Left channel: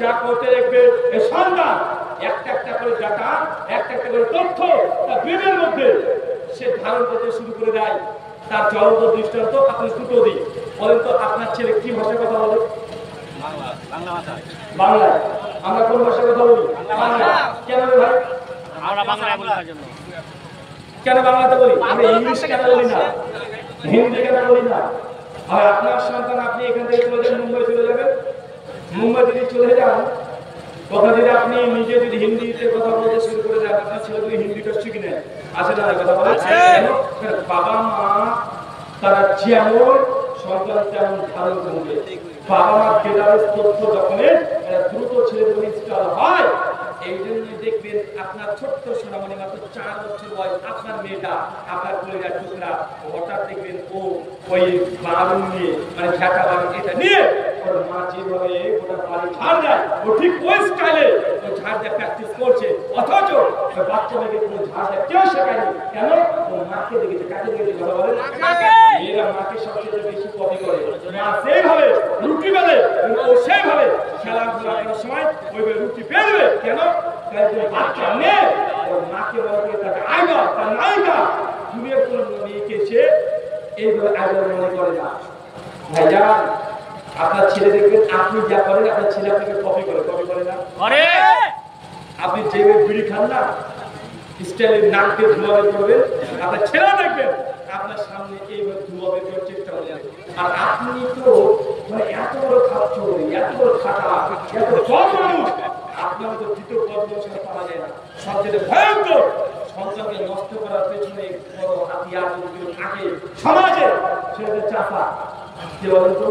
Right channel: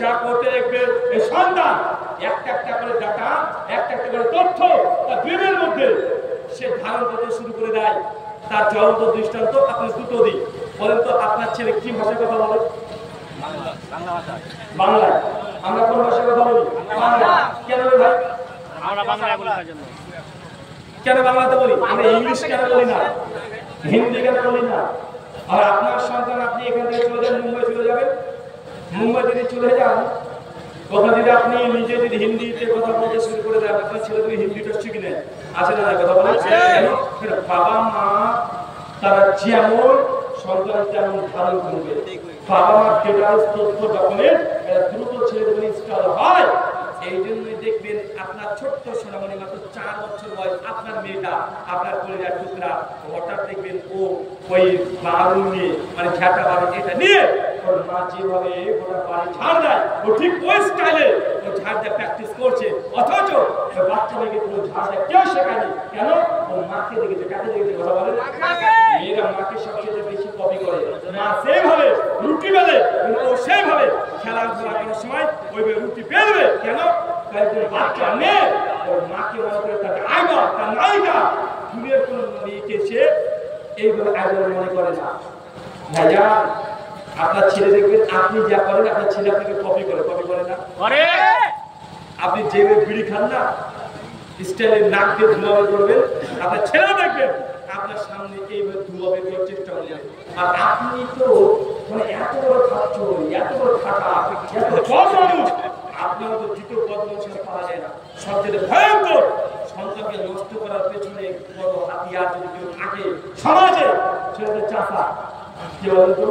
যা করতে দেখবে এই সন্তান একটা একটা করে ডাটা, একটা একটা করে তথ্য তার ব্রেনের মধ্যে সে ধারণ করতে শুরু করে দেয়। তার জ্বলন্ত দৃষ্টান্ত আপনি দুটো দিই। বলেন তো আপনার ছেলে কি ভাষায় কথা বলে? বাংলায়। আমরা কোন ভাষায় কথা বলি? বাংলা। কেন রে ভাই? আমরা বাংলায় বলি তার জন্য। কেন বাংলাতে বলি? আমরা ইংলিশ কেন বলি না? হিন্দি কেন বলি না? আর আপনার সন্তান আপনি এখান থেকে চলে যান, মুম্বাই চলে যাবেন। মুম্বাই যদি চলে যান, ওখানে যদি আপনি নিজে যদি হিন্দিতে কথা বলতে শুরু করে দেন, আপনার ছেলে যদি হিন্দিটা শিখে নেয়, আছে না কথা বলে? কেন? বাবা মা তারা যেমন সন্তান তেমন ধারণ করবে। বাবা মার ডেটাবেস তথ্য ডকুমেন্ট দ্রুত ছেলে যখন ইনস্টল হয়, এই জন্যই দেখবেন আপনার ছোট্ট সোনামণি মাত্র 4 বছর বয়স, আপনার মেয়েটা আপনার কলেজার টুকরা, হঠাৎ দেখবেন ও ওই বারুন নিয়ে মানে ঝাঁটা বারুন এটা নিয়ে ওর মা যেভাবে গোটা বাড়ি ঝাড় দেয়, ও ঠিক ওই স্টাইলে ও ঝাড় দেয় প্র্যাকটিস করছে। অথচ ওই বাচ্চা মেয়েকে কোনো ঝাড় দেয় কেউ শেখায়নি। কেন? ও মাকে দেখেছে। কাকে দেখেছে? কথা বলেন। মেয়েরা মাকে সবচেয়ে বেশি কপি করে। মা সেইভাবে রুটি বেলে, ও সেইভাবে খেলাধুলা করার সময় ওইভাবে রুটি বেলবে। কেন? বাচ্চা মেয়ে ওর মাকে মনে করে তাকে আইডল, তার নায়িকা। দুনিয়ার কোন মেয়েকে সে এইভাবে আইডল মনে করে না। ভাইজান, আপনার ছেলে দেখবেন আপনি যা করেন আপনার ছেলে আপনাকে কপি করে। কপি করে না? করে। আপনি যেভাবে বিড়ি খান না, স্টাইলে নাক দিয়ে ধোঁয়া বের করবেন, আপনার ছেলেও দেখবেন আপনার সামনে এইভাবে ধোঁয়া বের করার চেষ্টা করবেন। আর আপনি তো মানে এত বড় খাচ্ছ, এত বড় খাটা, এত বড় মানুষ, আপনার মতো দ্বিতীয় পদ মানুষের পাওয়া যায় না। সবচেয়ে ভয়ঙ্কর সন্তানকে নষ্ট করার পেছনে বড় হাতিয়ার যদি কেউ থাকে সমাজে, সেটা হচ্ছে চাচা। কে বলেন তো?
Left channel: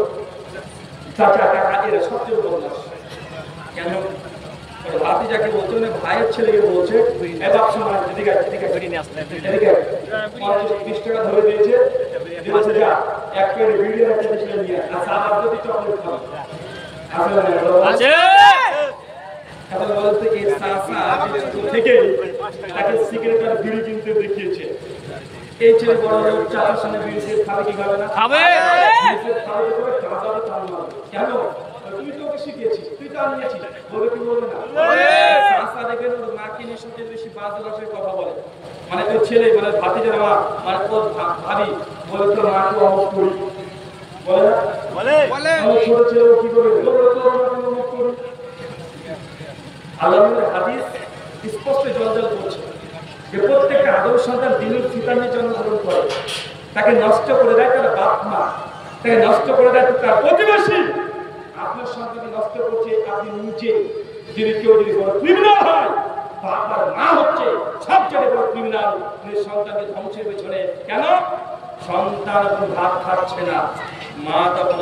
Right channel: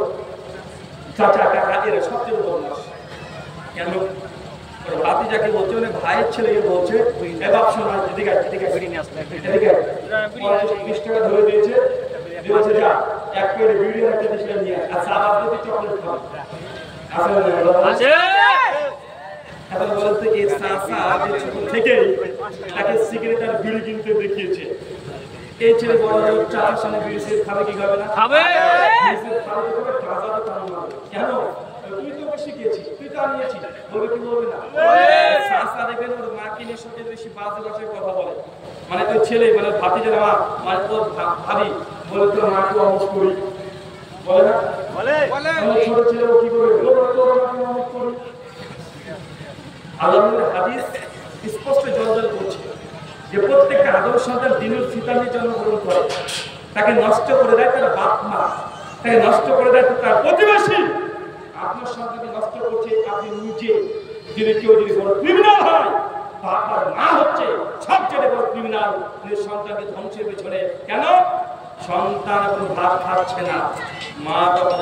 চাচা কাকা এরা সবচেয়ে বদমাস। কেন? ওর ভাতি যাকে বলছে মানে ভাইয়ের ছেলেকে বলছে, এ বাপ শোনা, এদিকে এদিকে এদিকে 50-20 টাকা ধরে দিয়েছে, বলছে যা এক প্লেট বিড়ি একটা দেশে নিয়ে আর চা বাদ দিয়ে চকলেট খাবে। আছে এখন বলেন তো এই চাচা যে ছোট থেকেই তাকে সিগারেট আর বিড়ি কিনতে দেখিয়েছে, এই ছেলে বড় বড় চাচার সামনে বিড়ি সিগারেট খাবে কি খাবে না? খাবে। কেন? তুই তো ওকে শিখিয়েছিস, তুই তো আনিয়েছিস, বলবে কি বলবে না? চাচা দেখবেন ওর মাকে নিয়ে সবচেয়ে বেশি বাজে ভাষায় কথা বলে। মানে ওই ছেলে মানে ভাতিজার মা মানে ওর ভাবি বলে তোর মাকে অমুক করি, বলে না? বলে ছোট ছেলে ও কি করবে? বলে তোর আমাকে অমুক করি। আল্লাহর হাদিস স্পষ্ট জলজল করছে যে প্রত্যেকটা আদম সন্তান দিনুল ফিতর নিয়ে জন্মগ্রহণ করে, তাকে নষ্ট করে দেয় তার বাপ মা, তাকে নষ্ট করে দেয় তার প্রতিবেশী। আপনার সন্তানকে নষ্ট করছে আপনি নিজে। যদি কেউ যদি বড় ক্রিমিনাল হয়, বাপ আর মা হচ্ছে সবচেয়ে বড় ক্রিমিনাল সন্তানকে ধ্বংসের পেছনে। কেন? সন্তান এখন ভাত খাচ্ছে না, মা তখন